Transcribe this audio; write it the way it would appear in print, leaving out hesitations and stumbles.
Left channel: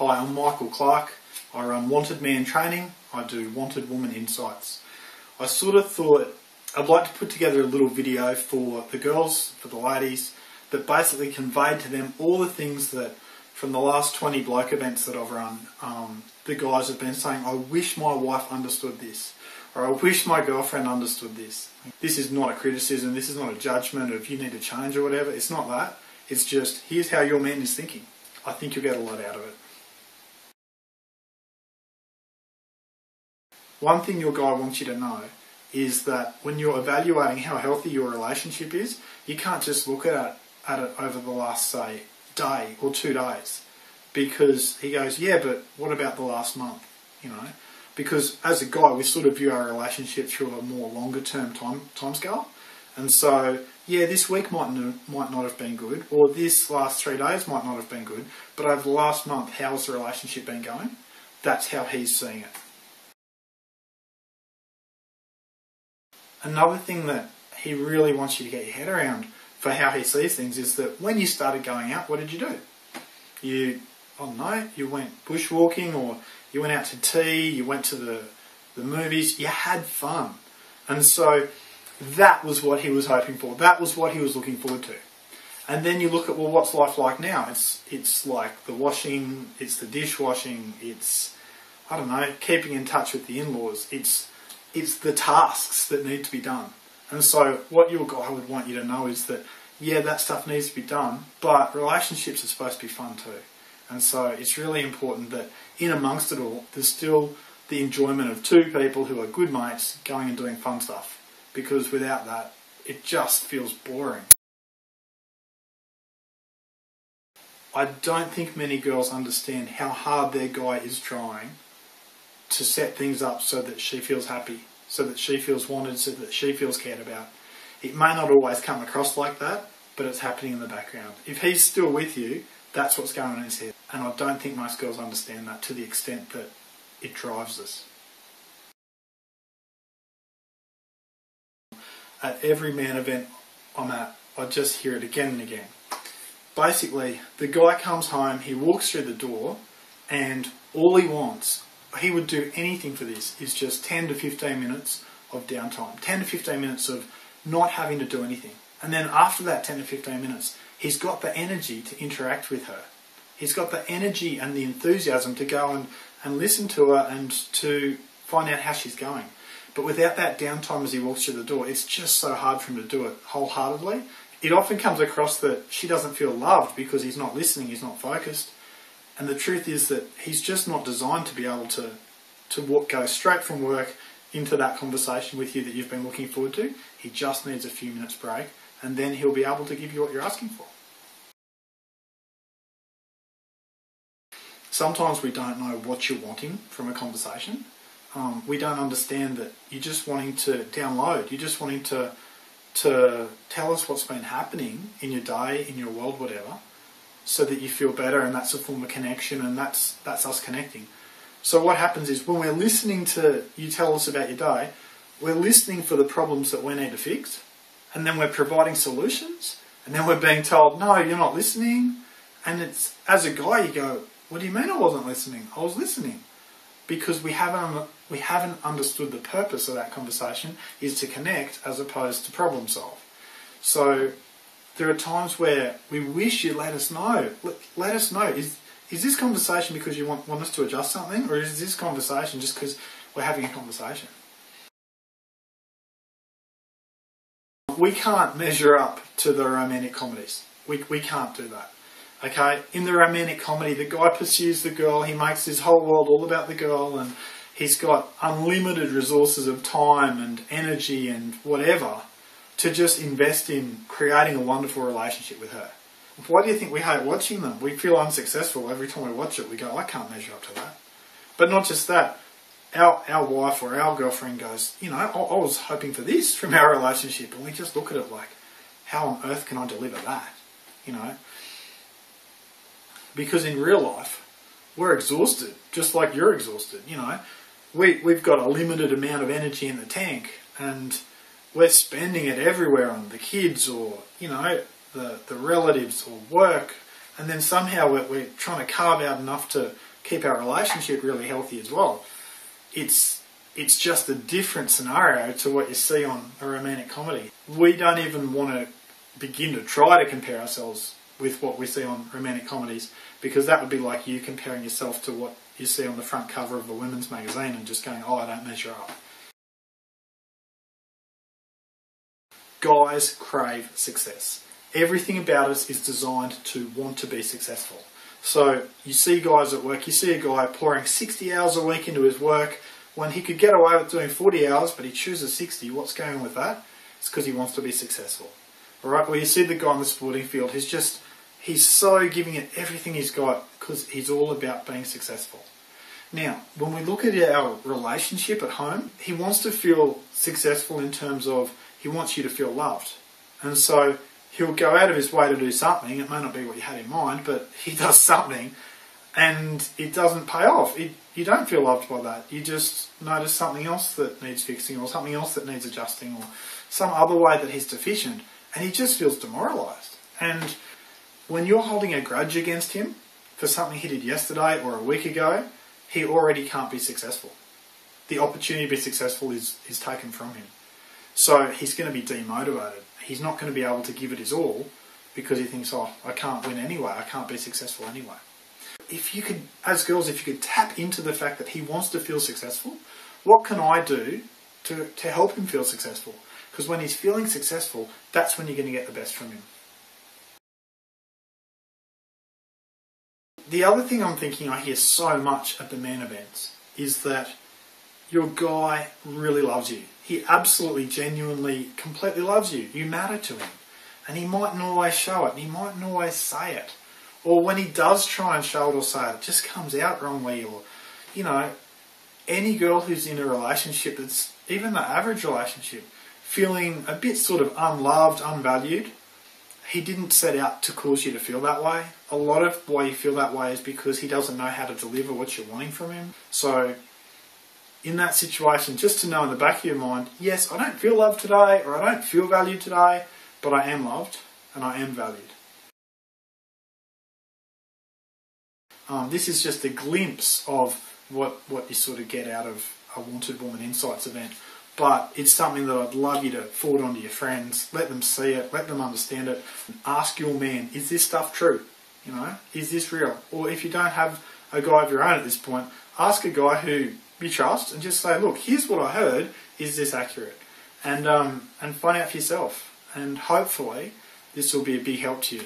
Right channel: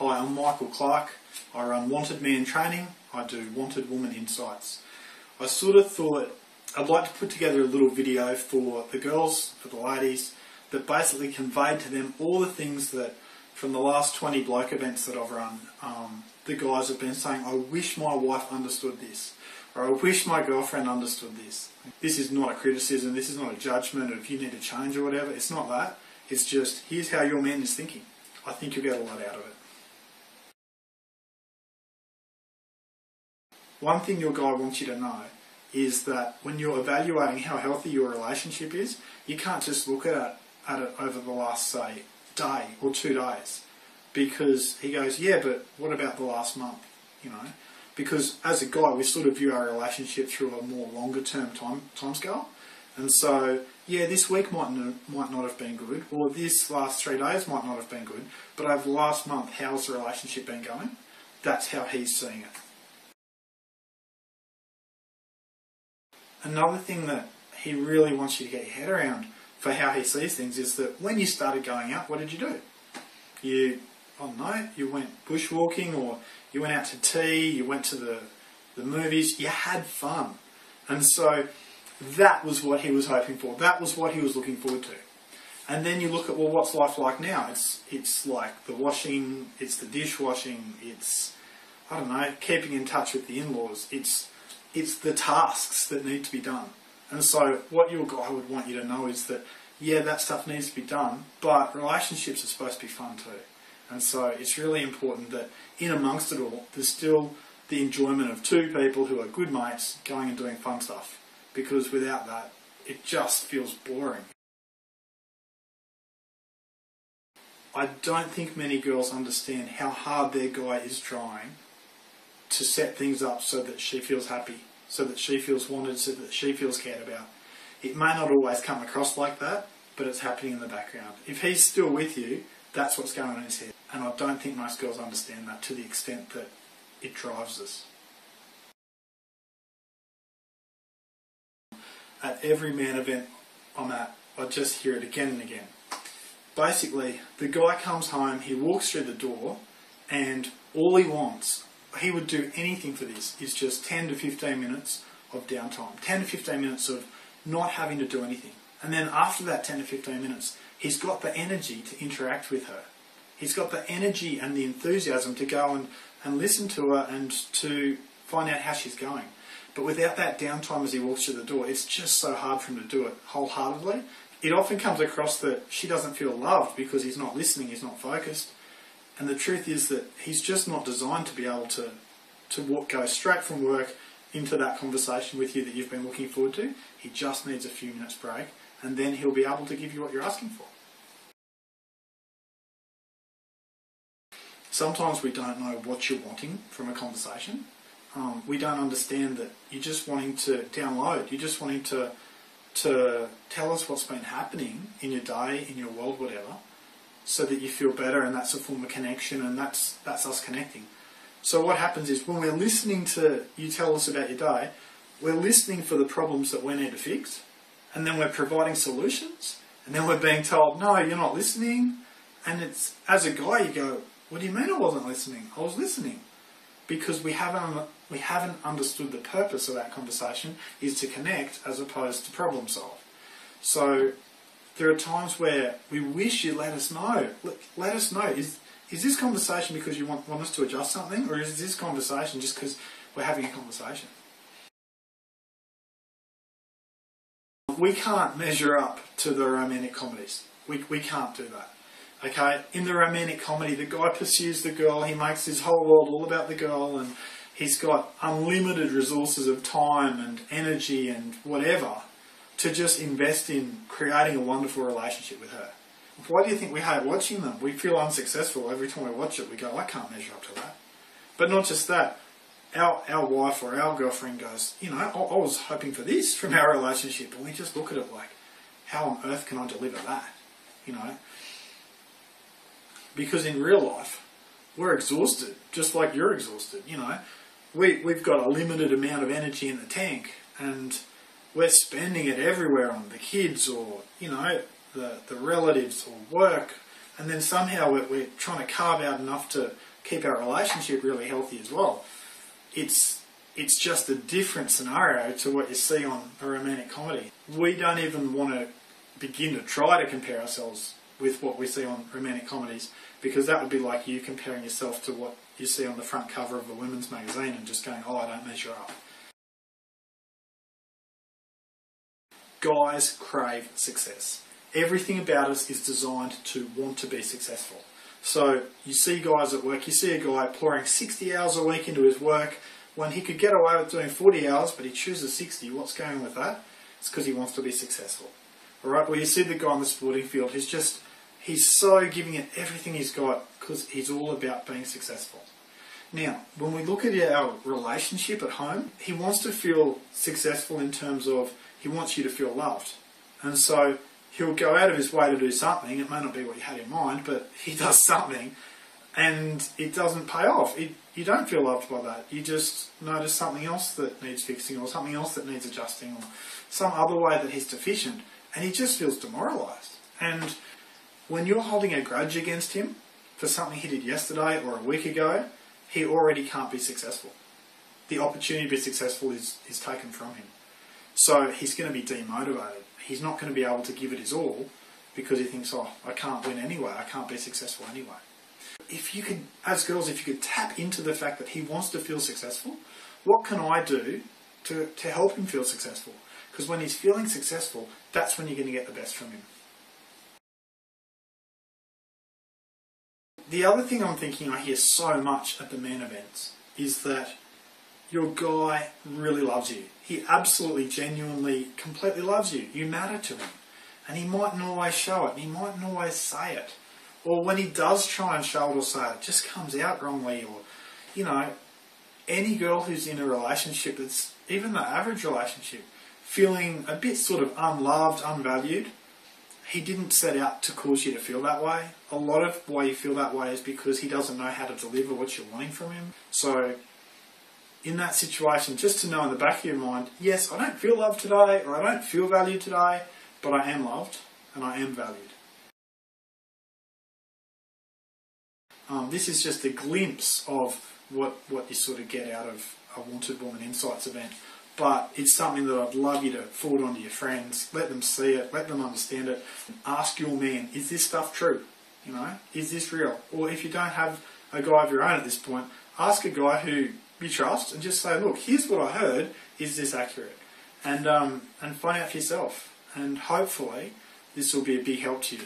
Hi, I'm Michael Clark. I run Wanted Man Training. I do Wanted Woman Insights. I sort of thought I'd like to put together a little video for the girls, for the ladies, that basically conveyed to them all the things that from the last 20 bloke events that I've run, the guys have been saying, I wish my wife understood this, or I wish my girlfriend understood this. This is not a criticism, this is not a judgment of you need to change or whatever. It's not that. It's just, here's how your man is thinking. I think you'll get a lot out of it. One thing your guy wants you to know is that when you're evaluating how healthy your relationship is, you can't just look at it over the last, say, day or 2 days. Because he goes, yeah, but what about the last month? You know, because as a guy, we sort of view our relationship through a more longer term time scale. And so, yeah, this week might not have been good, or this last 3 days might not have been good, but over the last month, how's the relationship been going? That's how he's seeing it. Another thing that he really wants you to get your head around for how he sees things is that when you started going out, what did you do? You went bushwalking, or you went out to tea, you went to the movies, you had fun. And so that was what he was hoping for. That was what he was looking forward to. And then you look at, well, what's life like now? It's like the washing, it's the dishwashing, it's, I don't know, keeping in touch with the in-laws. It's the tasks that need to be done. And so what your guy would want you to know is that, yeah, that stuff needs to be done, but relationships are supposed to be fun too. And so it's really important that in amongst it all, there's still the enjoyment of two people who are good mates going and doing fun stuff. Because without that, it just feels boring. I don't think many girls understand how hard their guy is trying to set things up so that she feels happy, so that she feels wanted, so that she feels cared about. It may not always come across like that, but it's happening in the background. If he's still with you, that's what's going on in his head. And I don't think most girls understand that to the extent that it drives us. At every man event I'm at, I just hear it again and again. Basically, the guy comes home, he walks through the door, and all he wants, he would do anything for this, is just 10 to 15 minutes of downtime. 10 to 15 minutes of not having to do anything. And then after that 10 to 15 minutes, he's got the energy to interact with her. He's got the energy and the enthusiasm to go and listen to her and to find out how she's going. But without that downtime as he walks through the door, it's just so hard for him to do it wholeheartedly. It often comes across that she doesn't feel loved because he's not listening, he's not focused. And the truth is that he's just not designed to be able to go straight from work into that conversation with you that you've been looking forward to. He just needs a few minutes break, and then he'll be able to give you what you're asking for. Sometimes we don't know what you're wanting from a conversation. We don't understand that you're just wanting to download. You're just wanting to tell us what's been happening in your day, in your world, whatever, so that you feel better, and that's a form of connection, and that's us connecting. So what happens is when we're listening to you tell us about your day, we're listening for the problems that we need to fix, and then we're providing solutions, and then we're being told, no, you're not listening. And it's, as a guy, you go, what do you mean I wasn't listening? I was listening. Because we haven't understood the purpose of that conversation is to connect as opposed to problem solve. So there are times where we wish you'd let us know. Let us know. Is this conversation because you want us to adjust something, or is this conversation just because we're having a conversation? We can't measure up to the romantic comedies. We can't do that. Okay, in the romantic comedy, the guy pursues the girl, he makes his whole world all about the girl, and he's got unlimited resources of time and energy and whatever to just invest in creating a wonderful relationship with her. Why do you think we hate watching them? We feel unsuccessful every time we watch it. We go, I can't measure up to that. But not just that, our wife or our girlfriend goes, you know, I was hoping for this from our relationship, and we just look at it like, how on earth can I deliver that? You know? Because in real life, we're exhausted, just like you're exhausted, you know. We've got a limited amount of energy in the tank, and we're spending it everywhere on the kids or, you know, the relatives or work, and then somehow we're trying to carve out enough to keep our relationship really healthy as well. It's just a different scenario to what you see on a romantic comedy. We don't even want to begin to try to compare ourselves with what we see on romantic comedies, because that would be like you comparing yourself to what you see on the front cover of a women's magazine and just going, oh, I don't measure up. Guys crave success. Everything about us is designed to want to be successful. So you see guys at work, you see a guy pouring 60 hours a week into his work when he could get away with doing 40 hours, but he chooses 60. What's going on with that? It's because he wants to be successful. All right. Well, you see the guy on the sporting field, he's so giving it everything he's got because he's all about being successful. Now, when we look at our relationship at home, he wants to feel successful in terms of he wants you to feel loved. And so he'll go out of his way to do something. It may not be what you had in mind, but he does something and it doesn't pay off. You don't feel loved by that. You just notice something else that needs fixing, or something else that needs adjusting, or some other way that he's deficient, and he just feels demoralised. And when you're holding a grudge against him for something he did yesterday or a week ago, he already can't be successful. The opportunity to be successful is taken from him. So he's going to be demotivated. He's not going to be able to give it his all because he thinks, oh, I can't win anyway. I can't be successful anyway. If you could, as girls, if you could tap into the fact that he wants to feel successful, what can I do to help him feel successful? Because when he's feeling successful, that's when you're going to get the best from him. The other thing I'm thinking I hear so much at the men events is that your guy really loves you. He absolutely, genuinely, completely loves you. You matter to him. And he mightn't always show it. And he mightn't always say it. Or when he does try and show it or say it, it just comes out wrongly. Or, you know, any girl who's in a relationship that's even the average relationship, feeling a bit sort of unloved, unvalued, he didn't set out to cause you to feel that way. A lot of why you feel that way is because he doesn't know how to deliver what you're wanting from him. So in that situation, just to know in the back of your mind, yes, I don't feel loved today, or I don't feel valued today, but I am loved and I am valued. This is just a glimpse of what you sort of get out of a Wanted Woman Insights event. But it's something that I'd love you to forward on to your friends. Let them see it. Let them understand it. Ask your man, is this stuff true? You know, is this real? Or if you don't have a guy of your own at this point, ask a guy who you trust and just say, look, here's what I heard. Is this accurate? And find out for yourself. And hopefully this will be a big help to you.